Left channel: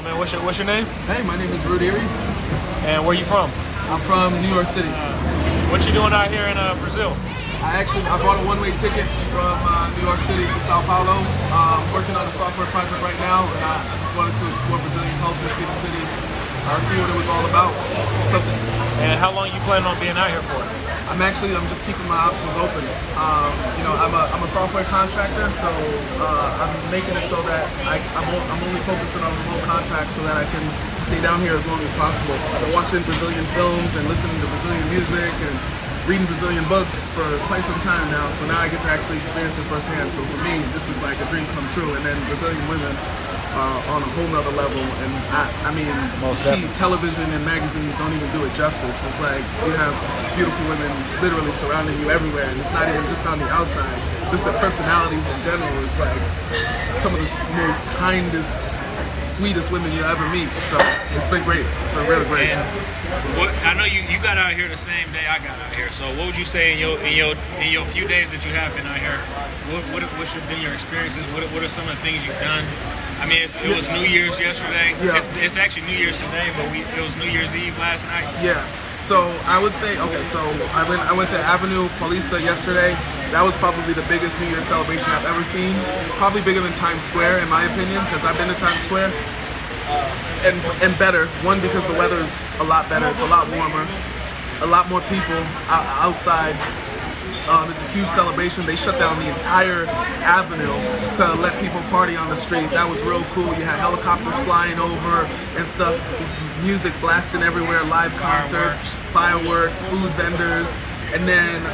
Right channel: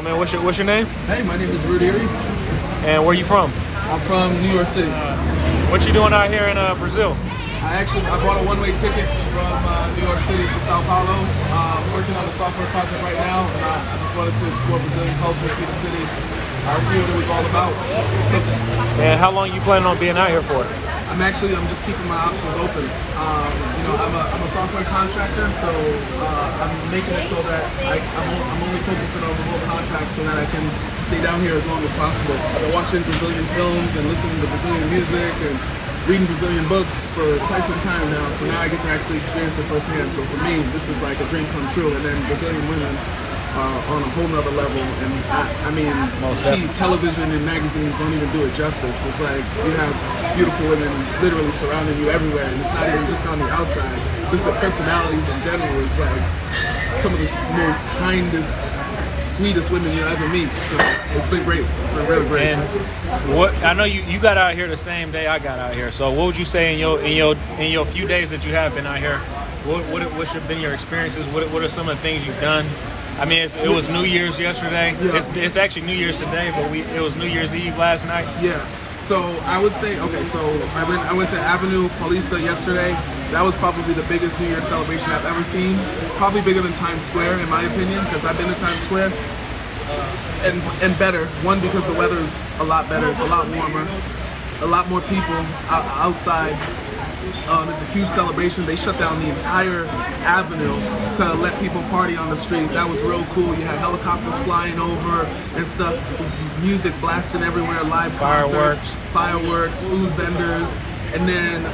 on, man? What's your name? Hey, my name is Ruud. And where you from? I'm from New York City. What you doing out here in Brazil? I bought a one-way ticket from New York City to São Paulo. I'm working on a software project right now, and I just wanted to explore Brazilian culture, see the city, see what it was all about. Something. And how long you planning on being out here for? I'm just keeping my options open. I'm a software contractor, so I'm making it so that I'm only focusing on remote contracts so that I can stay down here as long as possible. I've been watching Brazilian films and listening to Brazilian music and reading Brazilian books for quite some time now, so now I get to actually experience it firsthand. So for me, this is like a dream come true. And then Brazilian women on a whole nother level, and I mean, television and magazines don't even do it justice. It's like you have beautiful women literally surrounding you everywhere, and it's not even just on the outside. Just the personalities in general is like some of the most kindest, sweetest women you'll ever meet. So it's been great. It's been really great. And what I know you got out here the same day I got out here. So what would you say in your few days that you have been out here? What's been your experiences? What are some of the things you've done? I mean, it was New Year's yesterday. Yeah. It's actually New Year's today, but it was New Year's Eve last night. Yeah. So I would say, okay, so I went to Avenue Paulista yesterday. That was probably the biggest New Year's celebration I've ever seen. Probably bigger than Times Square, in my opinion, because I've been to Times Square. And better. One, because the weather is a lot better. It's a lot warmer. A lot more people outside. It's a huge celebration. They shut down the entire avenue to let people party on the street. That was real cool. You had helicopters flying over and stuff, music blasting everywhere, live concerts, fireworks, food vendors. And then,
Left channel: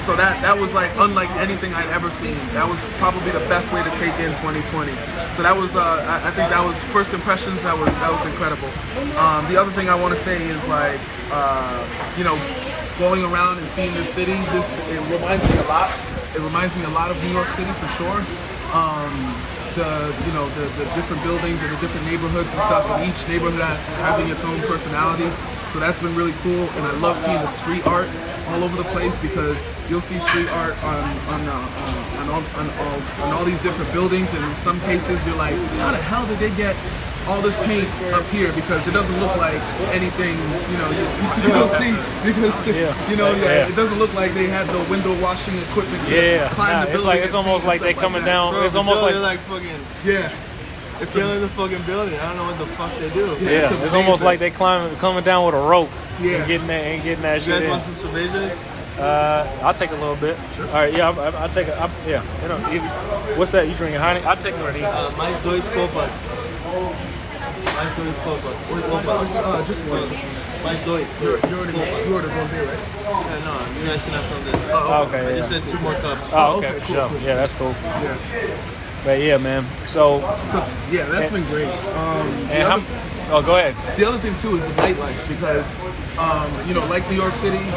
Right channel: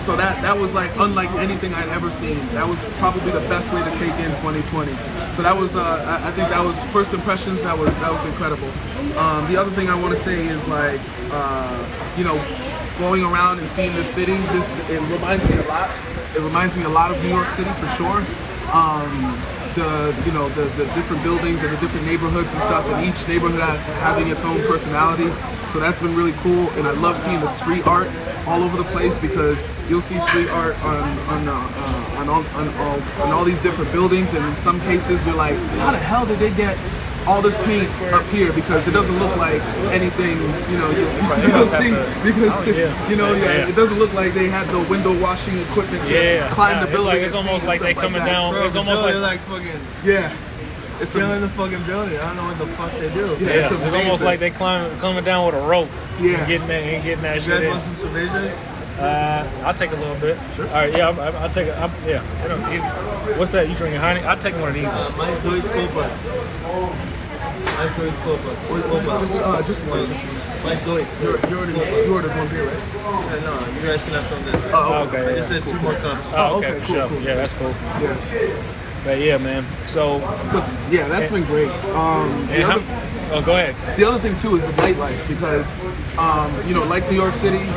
so that was like unlike anything I'd ever seen. That was probably the best way to take in 2020. So that was, I think that was first impressions. That was incredible. The other thing I want to say is like, going around and seeing this city, it reminds me a lot. It reminds me a lot of New York City for sure. The different buildings and the different neighborhoods and stuff, and each neighborhood having its own personality. So that's been really cool, and I love seeing the street art all over the place, because you'll see street art on all these different buildings, and in some cases you're like, how the hell did they get all this paint up here? Because it doesn't look like anything, you'll see, because it doesn't look like they had the window washing equipment to climb the building. It's almost like they coming down. Bro, it's almost like fucking it's scaling the fucking building. I don't know what the fuck they do. Yeah, it's amazing. It's almost like they coming down with a rope. Yeah, and getting that. You guys want some cervezas? I'll take a little bit. Sure. All right, I'll take it. What's that? You drinking Heineken? I'll take one of these. Mais dois copas. Mais dois copas. Just one. Mais dois. You ordered one beer, right? No, you guys can have some of this. Oh, okay. I just said 2 more cups. Oh, okay, cool, sure. cool. Yeah, that's cool. Yeah. But yeah, man. So yeah, that's been great. go ahead. The other thing too is the nightlife, because like New York City,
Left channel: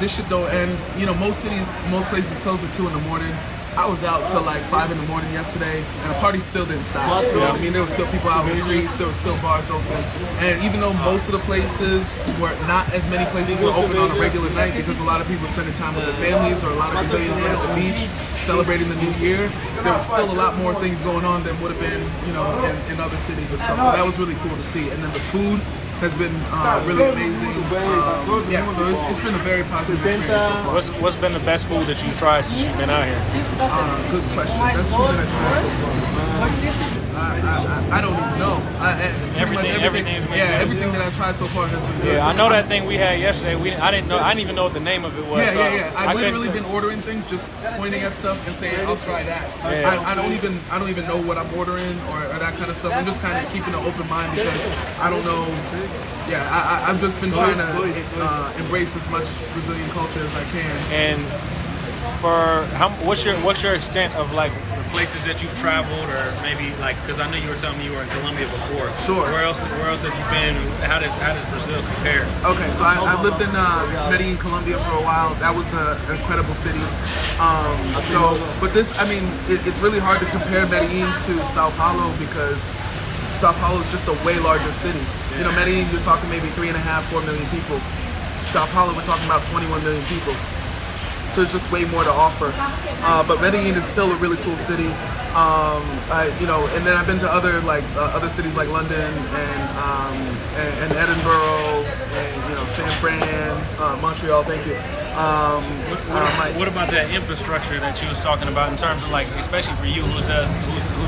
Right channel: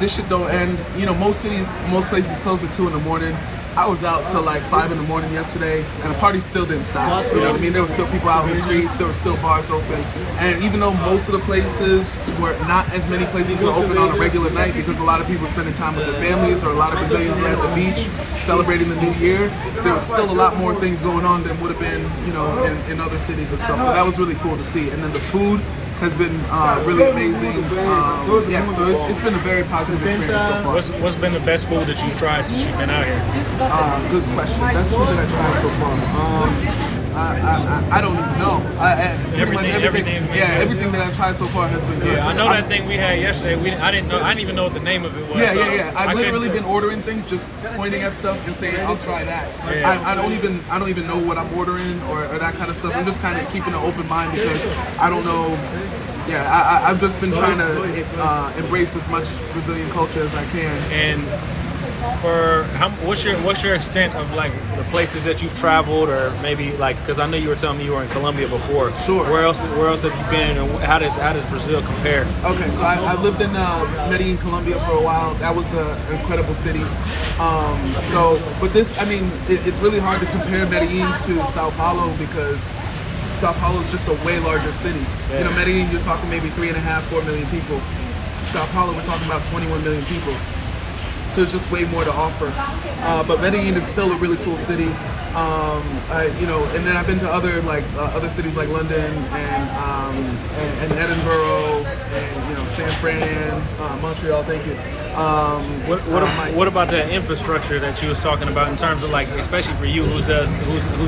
this shit don't end. Most places close at 2 in the morning. I was out till like 5 in the morning yesterday, and the party still didn't stop. You know what I mean? There were still people out in the streets. There were still bars open, and even though most of the places were not as many places were open on a regular night, because a lot of people were spending time with their families, or a lot of Brazilians were at the beach celebrating the new year, there was still a lot more things going on than would have been, in other cities and stuff. So that was really cool to see. And then the food has been really amazing. So it's been a very positive experience so far. What's been the best food that you've tried since you've been out here? Good question. Best food that I've tried so far. I don't even know. Pretty much everything. Yeah, everything that I've tried so far has been good. I know that thing we had yesterday. I didn't even know what the name of it was. Yeah. I've literally been ordering things, just pointing at stuff and saying, "I'll try that." Yeah. I don't even know what I'm ordering or that kind of stuff. I'm just kind of keeping an open mind, because I don't know. Yeah, I've just been trying to embrace as much Brazilian culture as I can. And what's your extent of like the places that you've traveled, or maybe like, because I know you were telling me you were in Colombia before. Sure. Where else have you been, and how does Brazil compare? Okay, so I lived in Medellin, Colombia for a while. That was an incredible city. But this, I mean, it's really hard to compare Medellin to São Paulo, because São Paulo is just a way larger city. Yeah. Medellin, you're talking maybe 3.5, 4 million people. São Paulo, we're talking about 21 million people. So there's just way more to offer. But Medellin is still a really cool city. And then I've been to other cities like London and Edinburgh and San Fran, Montreal. Thank you. What about that infrastructure that you was talking about in terms of like, especially for you who's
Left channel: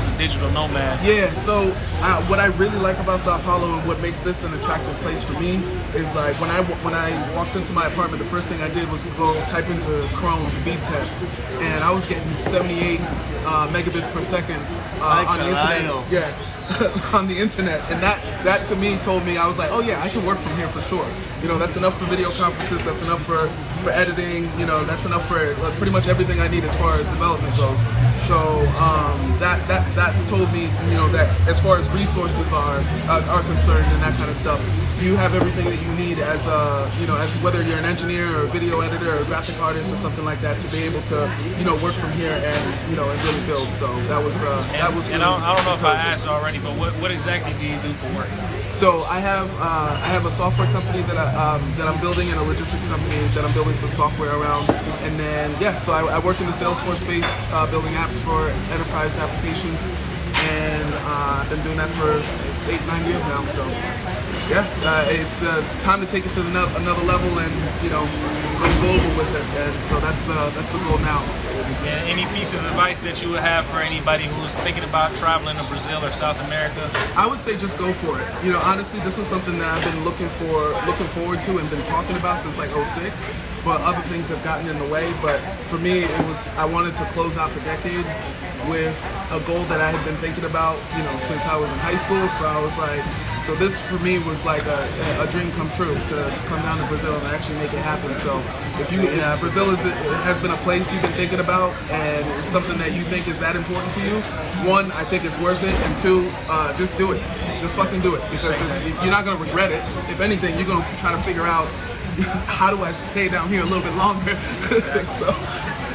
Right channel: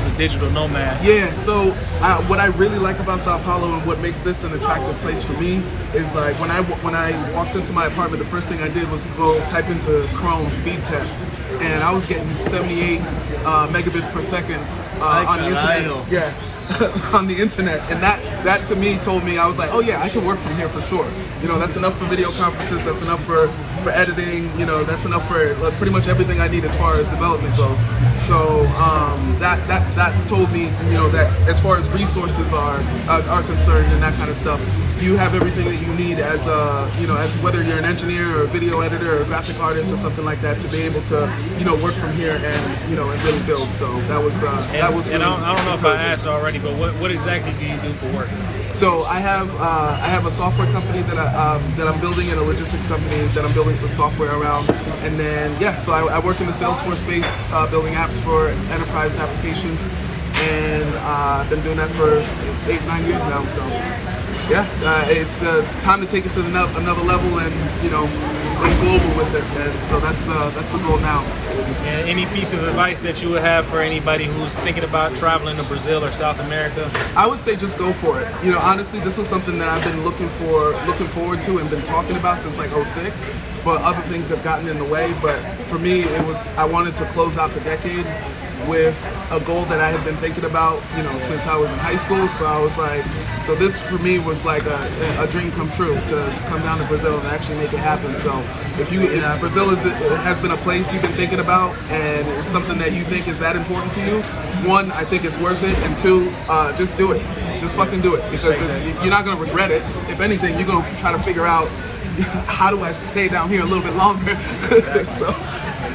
a digital nomad? Yeah, so what I really like about Sao Paulo and what makes this an attractive place for me is like when I walked into my apartment, the first thing I did was go type into Chrome speed test, and I was getting 78 megabits per second on the internet. Yeah. On the internet, and that to me told me, I was like, oh yeah, I can work from here for sure. That's enough for video conferences, that's enough for editing, that's enough for pretty much everything I need as far as development goes. So that told me, that as far as resources are concerned and that kind of stuff, you have everything that you need as as whether you're an engineer or a video editor or a graphic artist or something like that, to be able to work from here and and really build. So that was really, and I don't know if I asked already, but what exactly do you do for work? So I have a software company that I'm building, and a logistics company that I'm building some software around. And then so I work in the Salesforce space, building apps for enterprise applications, and I've been doing that for 8-9 years now. So it's time to take it to another level and go global with it. And so that's the goal now. And any piece of advice that you would have for anybody who's thinking about traveling to Brazil or South America? I would say just go for it. Honestly, this was something that I've been looking forward to and been talking about since like 06, but other things have gotten in the way. But for me, I wanted to close out the decade with a goal that I had been thinking about, since I was in high school. So I was like, so this for me was like a dream come true to come down to Brazil and actually make it happen. So if Brazil has been a place you've been thinking about, and it's something that you think is that important to you, one, I think it's worth it, and two, just do it. Just fucking do it, because you're not gonna regret it. If anything, you're gonna try to figure out, how do I stay down here a little bit longer? so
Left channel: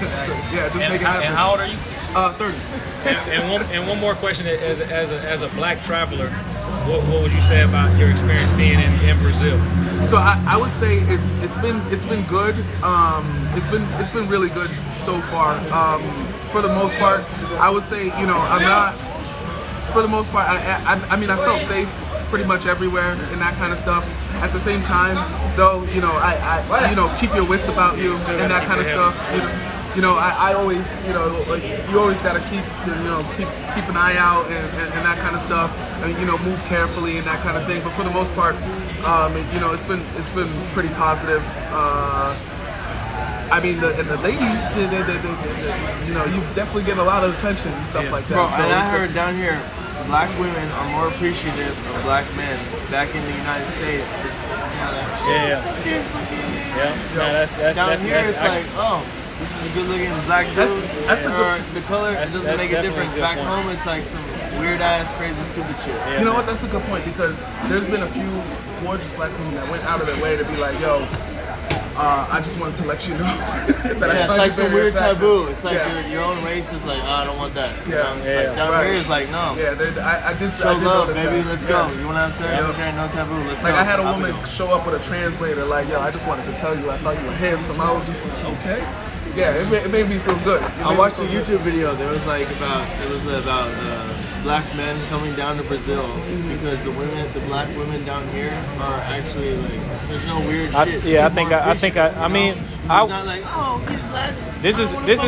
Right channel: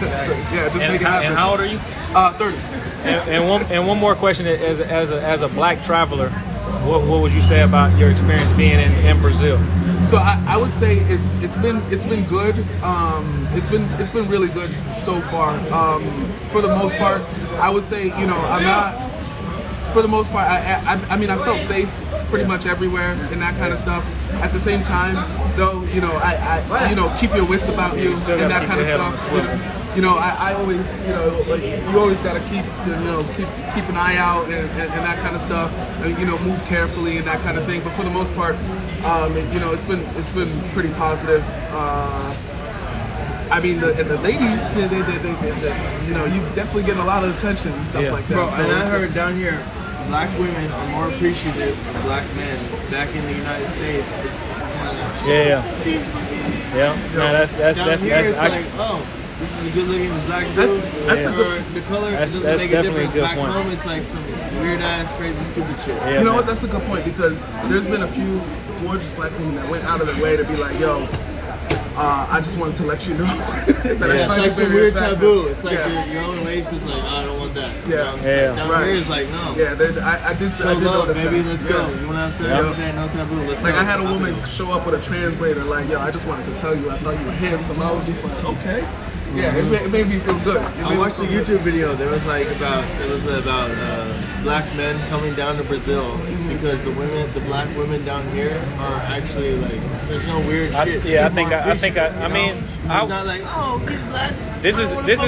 just make it happen. And how old are you? 30. And one more question is, as a black traveler, what would you say about your experience being in Brazil? So I would say it's been good. It's been really good so far. For the most part, I would say I'm not. For the most part, I mean I felt safe pretty much everywhere and that kind of stuff. At the same time, though, I keep your wits about you and that kind of stuff. I always, you always got to keep an eye out and that kind of stuff, and move carefully and that kind of thing. But for the most part, it's been pretty positive. I mean, the ladies, you definitely get a lot of attention and stuff like that. So and I heard down here, black women are more appreciative of black men. Back in the United States, it's down here it's like, oh, this is a good-looking black dude. That's a good. The color doesn't make a difference. Back home, it's like some weird-ass, crazy, stupid shit. Yeah. You know what? That's a good point, because there's been a few gorgeous black women that went out of their way to be like, yo, I just wanted to let you know that I it's find like you some very weird attractive. taboo. It's like your own race is like, oh, I don't want that. Like, down here is like, no. Yeah, I did love, notice baby, that. let's go. You know what I'm saying? Okay, no taboo. Let's go. Like I had a woman show up with a translator, like, yo, I just wanted to tell you I thought you were handsome. I was just like, okay. Yeah, it made me feel good. I watched a YouTube video. There was about black men coming down to Brazil because the black women down here are actually like, there's no weird shit. I mean, it's not like, oh, he's black. This is he likes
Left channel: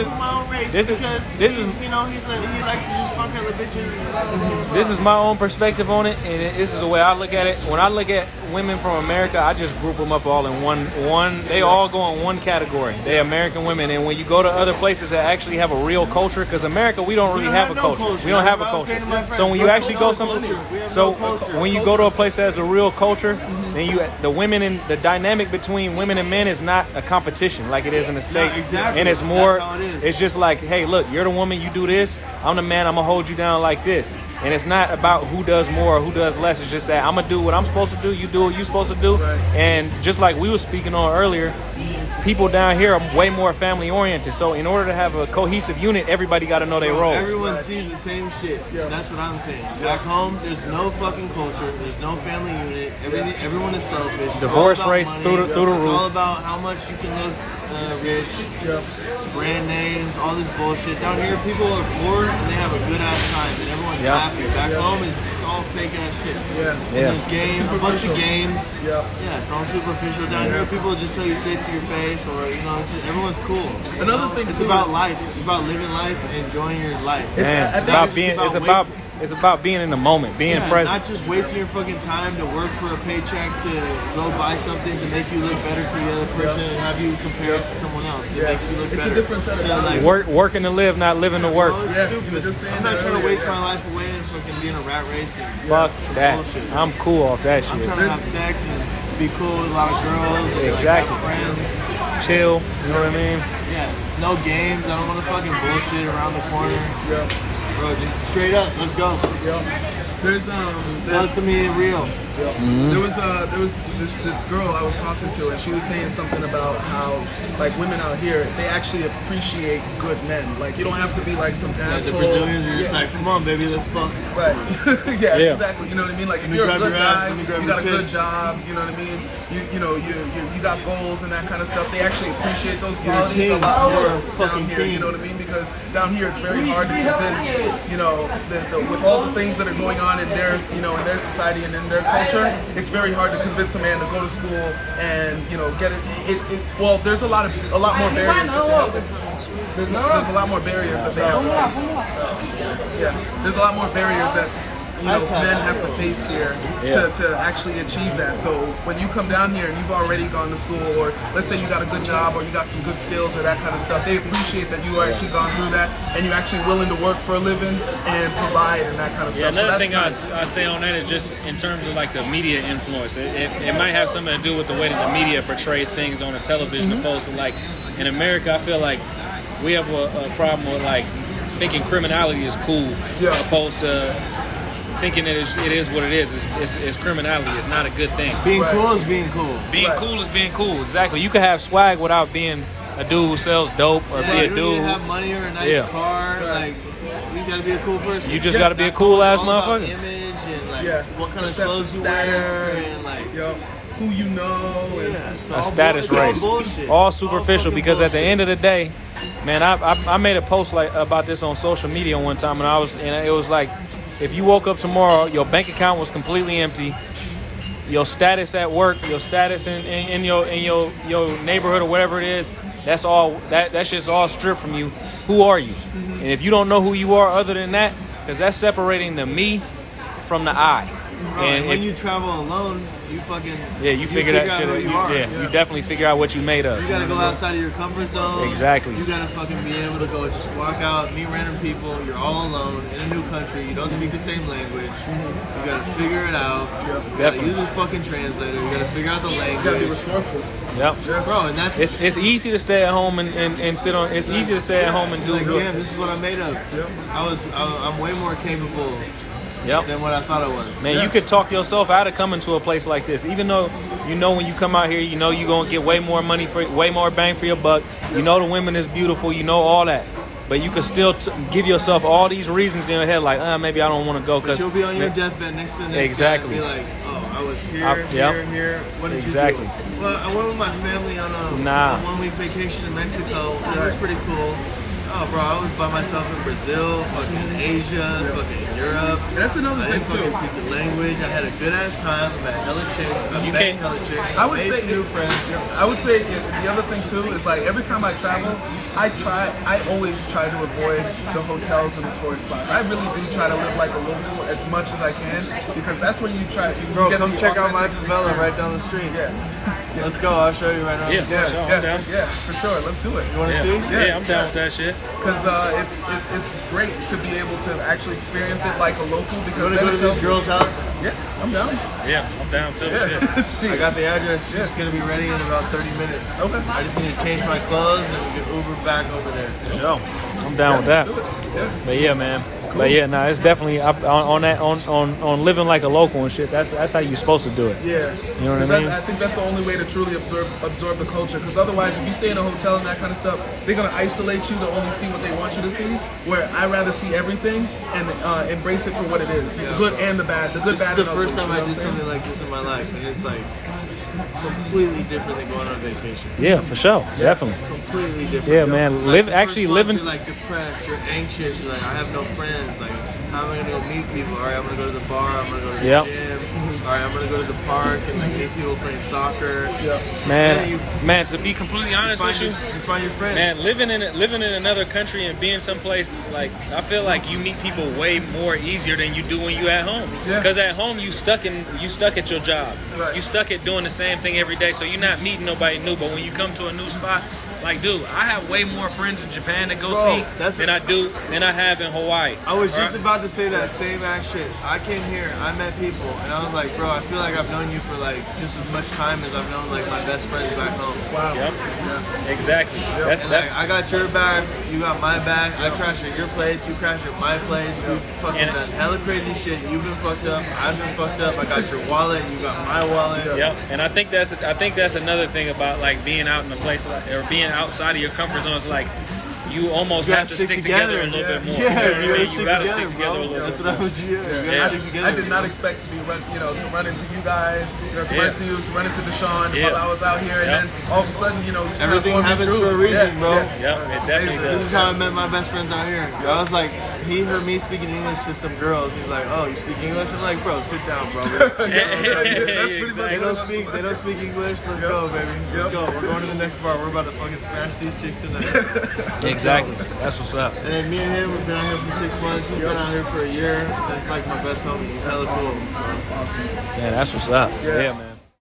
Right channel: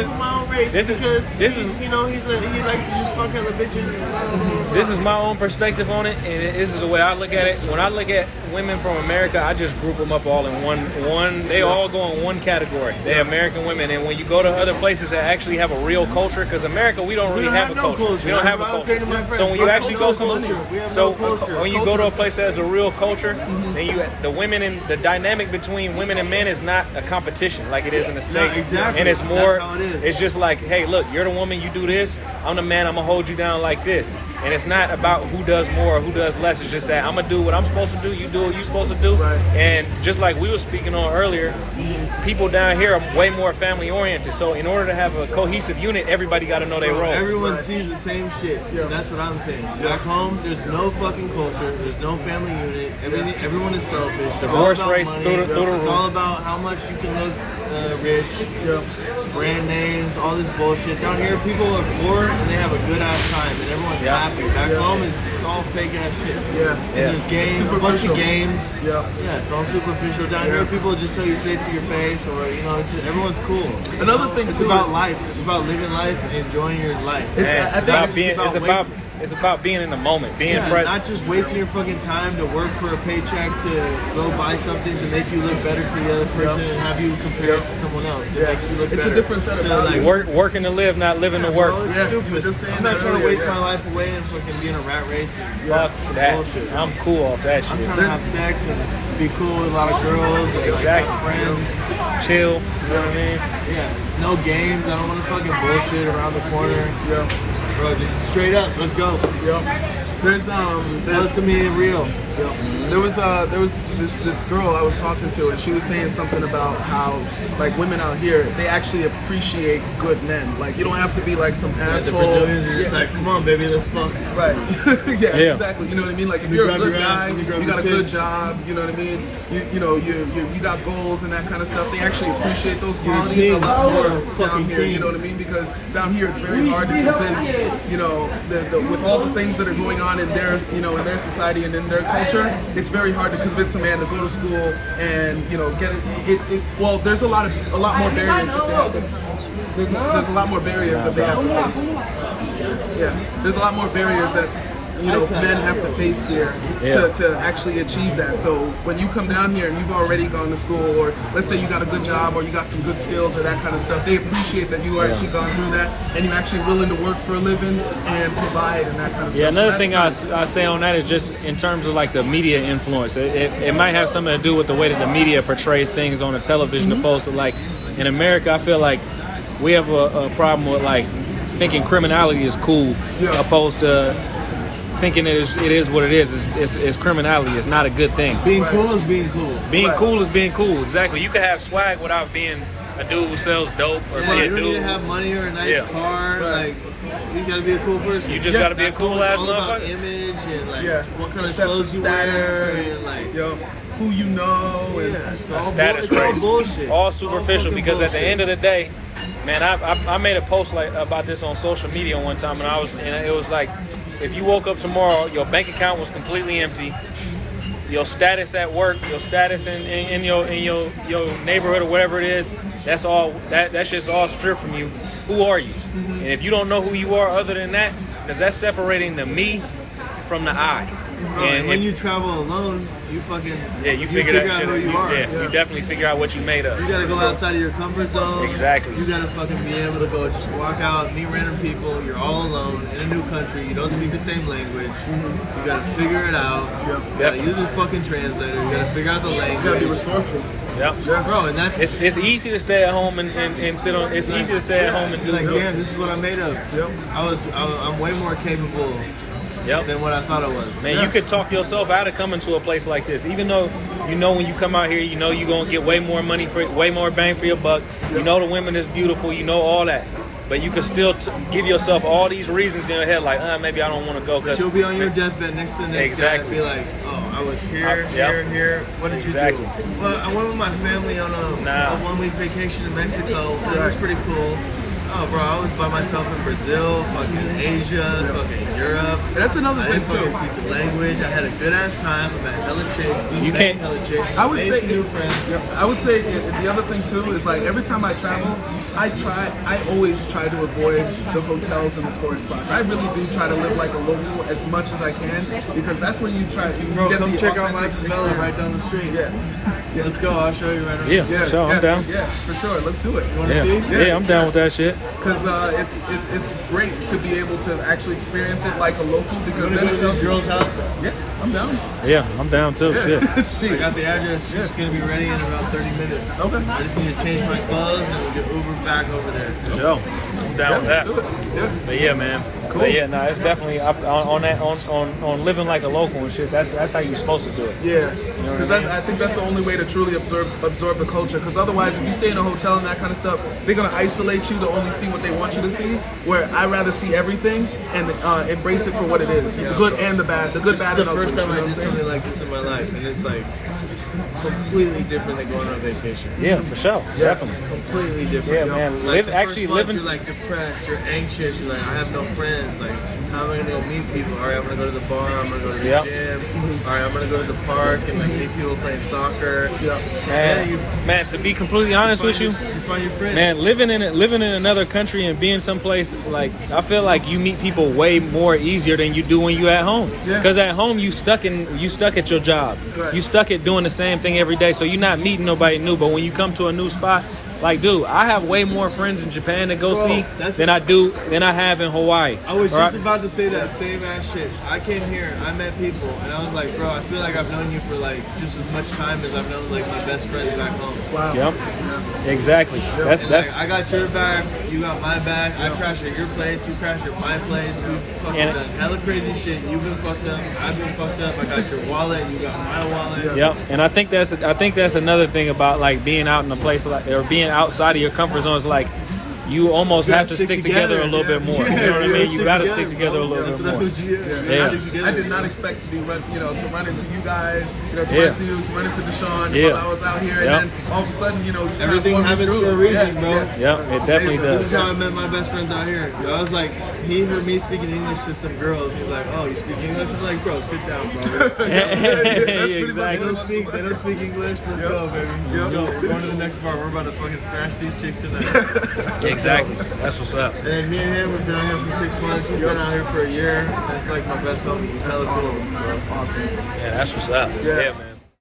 to just fuck other bitches. Blah, blah, blah, blah. This is my own perspective on it, and this is the way I look at it. When I look at women from America, I just group them up all in one. They all go in one category. They're American women, and when you go to other places that actually have a real culture, because America, we don't really have a culture. We don't have a culture. So when you actually go when you go to a place that has a real culture, then the women and the dynamic between women and men is not a competition like it is in the States. Exactly. And it's more, it it's just like, hey, look, you're the woman, you do this. I'm the man, I'm gonna hold you down like this. And it's not about who does more or who does less. It's just that I'm gonna do what I'm supposed to do, you do what you're supposed to do. Right. And just like we were speaking on earlier, people down here are way more family oriented. So in order to have a cohesive unit, everybody got to know their roles. Everyone sees the same shit. Yeah. That's what I'm saying. Back home, there's no fucking culture. There's no family unit. Everyone is selfish. It's all about money. It's all about how much you can live rich, brand names, all this bullshit. Down here, people are poor and they have a good ass time and everyone's happy. Back home, it's all fake ass shit. Yeah. And there's games, a bunch of games. Yeah. Yeah, it's all superficial. Down here, people just tell you straight to your face, or you know, everyone's cool. Another thing it's too, about life. It's about living life and enjoying your life. It's about being in the moment, being present. Not just wasting your fucking time to work for a paycheck to go buy something to make you look better for the other person and have you compare it to someone else. It makes you look better. A different set of values. Working to live, not living to work. You're just saying I'm not trying to waste my life away and fucking be in a rat race and some bullshit. I'm cool off that shit. I'm trying to have sex and be cool with a lot of girls and like, have friends. Chill, you know what I mean? Yeah, no games. I don't want to fucking bullshit around the corner. Yeah. Bro, just straight up, let's go. There's Tell it to me real. there was this girl I was talking to, and she was saying something about how like women out here, they actually appreciate good men. Like you don't have to be like some asshole. The Brazilians are just like, come on, baby, let's fuck. Right. yeah, exactly. You know what I mean? Like if you're a good guy, you got a good job. You know what I mean? You got goals and that kind of stuff. They actually appreciate those qualities a lot more down here. You know what I mean? Because down here it's very hard to convince. You know, with all the things that are going on in their in their society and in their culture, it's very hard to convince a man to go to school and get it. Well, there's a lot more barriers that they have to. There's a lot more barriers that they have to face. Yeah, there's a lot more barriers that men have to face here to actually achieve that. So when you come down here and you've already gone to school, or let's say you got a good job or you got some good skills or that kind of stuff, they appreciate that you actually gone through that and you're actually willing to work for a living and provide and that kind of stuff. Another thing I say on that is just in terms of like the media influence. It might have something to do with the way that the media portrays things on the television, opposed to like in America. I feel like we have a problem with like thinking criminality is cool, opposed to thinking it is what it is. It's criminality. It's not a good thing. Being cool is being cool. Being cool is being cool. Exactly. You can have swag without being a dude who sells dope or be a you don't dude. need to have money or a nice car. Like you gotta be a cool person. You just gotta be a cool ass all about motherfucker. image and like what kind of clothes you wear and like who you know and it's all status all bullshit. All superficial all because bullshit. at the end of the day, man, I made a post like about this on social media one time, and it was like, if you woke up tomorrow, your bank account was completely empty, your status at work, your status in your neighborhood or whatever it is, that's all that shit's all stripped from you. Who are you? And if you don't know who you are other than that, because that's separating the me from the I. And when you travel alone, you fucking you figure out who you are. You definitely figure out what you made of. You gotta go outside of your comfort zone. Exactly. You gotta fucking be able to go just walk out, meet random people. You're all alone in a new country. You don't speak the same language. You gotta figure it out. You gotta use a fucking translator. You gotta figure out the language. You gotta be resourceful. Yep. Bro, and that's it's easy to stay at home and sit on. It's easy to stay at home and do. Like, damn, this is what I'm made of. I'm way more capable than what I thought I was. Man, you could talk yourself out of coming to a place like this, even though when you come out here, you're gonna get way more money way more bang for your buck. You know the women is beautiful, all that, but you could still give yourself all these reasons in your head, like, maybe I don't want to go. But you'll be on your deathbed next to the next guy and be like, I was here, here, and here. What did you do? Well, I went with my family on a 1 week vacation in Mexico. It was pretty cool. Oh, bro, I was by myself in Brazil, fucking Asia, fucking Europe. And that's another thing, too. I didn't speak the language. I had a good-ass time. I met hella chicks. I met hella chicks. I would say new friends. I would say the other thing, too, is like every time I travel, I always try to avoid the hotels and the tourist spots. I really do try to live like a local as much as I can, because that's when you get come the check out my authentic favela experience. right down the street. Let's go. I'll show you right now. Yeah, for sure. Let's do it. You want to see? Yeah, I'm down with that shit. Because it's great to be able to actually experience it like a local. Because then go to it tells this girl's house. Yeah, I'm down. Yeah, I'm down too. I got the address. She's gonna be ready in about 30 minutes. Okay. I just need to change my clothes and we'll get Uber back over there. I'm I'm down with that. Let's do it. Yeah. But yeah, man. Cool. But yeah, no, it's definitely on living like a local and shit. That's how you're supposed to do it. Yeah, You know because what I mean? I think that's the only way to truly absorb the culture. Because otherwise, if you stay in a hotel and that kind of stuff, they're gonna isolate you to only see what they want you to see. Where I rather see everything and embrace it for what it is, the good and the bad, the good, bad, and ugly. This is the first time you know I what did I'm saying? something like this in my life, and it's like completely different than going on vacation. Yeah, for sure. Yeah. Definitely. Completely different. Yeah, man. Like Actually month, living. you're like depressed, you're anxious, you're like, I have no friends. Like, how am I gonna go meet people? All right, I'm gonna go to the bar, I'm gonna go to the gym. All right, I'm gonna go to the park and like meet people playing soccer. Yeah. Man, to be completely honest with you, You find your friends. man, living in another country and being someplace, like, I feel like you meet people way more easier than you do when you at home. Yeah. Because at home you stuck at your job. Right. You stuck at doing the same thing every day, so you're not meeting nobody new. But when you come to a new spot, like, dude, I have way more friends in Japan to go see than I have in Hawaii. I was Right? just about to say that same ass shit. I came here, I met people, and I was like, bro, I feel like I've known you for like just as much time as I've known like my best friends back home. Wow. Yep. Yeah. Exactly. That's Like, I got your bag, you got my bag. I crashed at your place, you crashed at my place. We fucking done hella crazy shit. You've been fucked up, I've been fucked up. I got your wallet, you got my wallet. Yep, and I think that's another thing about like being out in a place like, or being outside of your comfort zone. Is like you almost have to stick together a little bit more. You gotta stick together a little bit That's more. what I was. I did not expect to be to run into you guys, to run into you, to run into Deshaun while I was out here, and then all of a sudden, you kind of Everything formed these happens for groups. a reason, bro. Yeah, it definitely This does. is how I met my best friends out here. I was like, he heard me speaking English to some girls. He's like, oh, you speak English? I'm like, bro, sit down, bro. That's pretty much They what don't speak English. Let's go, baby. Let's go. We're going to the next bar. We're about to fucking smash these chicks tonight. Exactly. That's what's up. And then me and him, we've been out here for 6 months. He's been out here for a year. And it's like my best homie. He's hella cool. That's awesome. Yeah, that's what's up. Yeah. Man.